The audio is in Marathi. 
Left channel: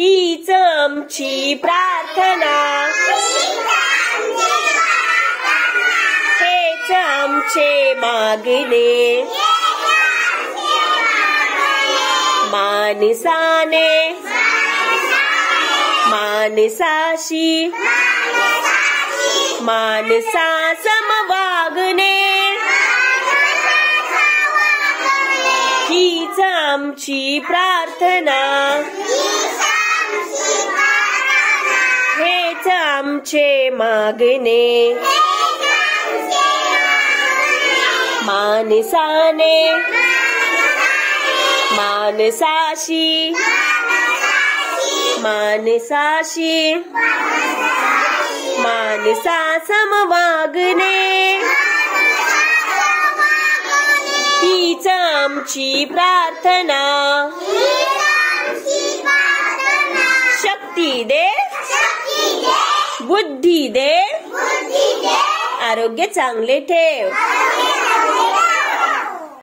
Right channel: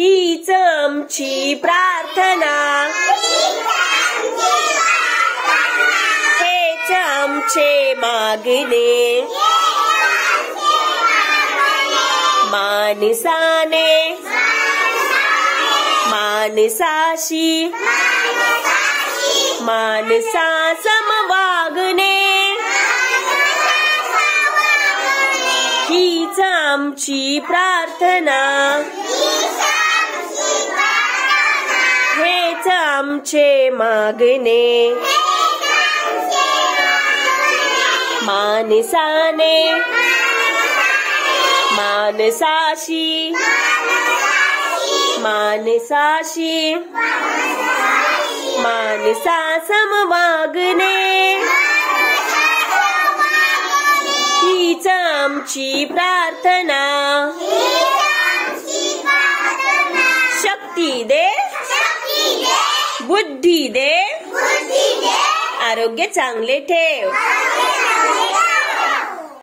हीच आमची प्रार्थना, हेच आमचे मागणे, माणसाने माणसाशी माणसा सम वागणे, हीच आमची प्रार्थना, हेच आमचे मागणे, माणसाने माणसाशी माणसाशी माणसा सम वागणे, हीच आमची प्रार्थना, शक्ती दे, बुद्धी दे, आरोग्य चांगले ठेव.